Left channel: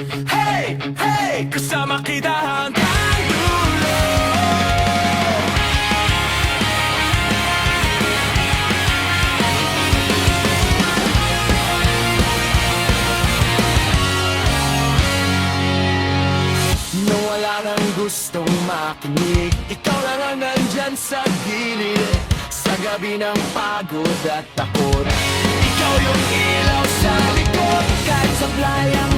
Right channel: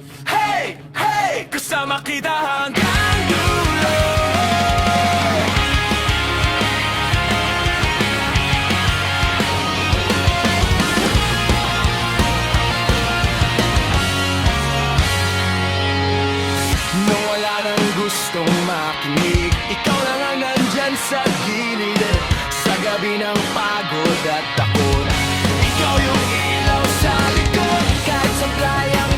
Hey, hey, kasama kita hanggang dulo. Nung wala nang gustong makinig, ikaw lang ang nandyan sa gilid. Sa gabi ng pagod at takot, ikaw yung ilaw sa likod. Kahit sablay ang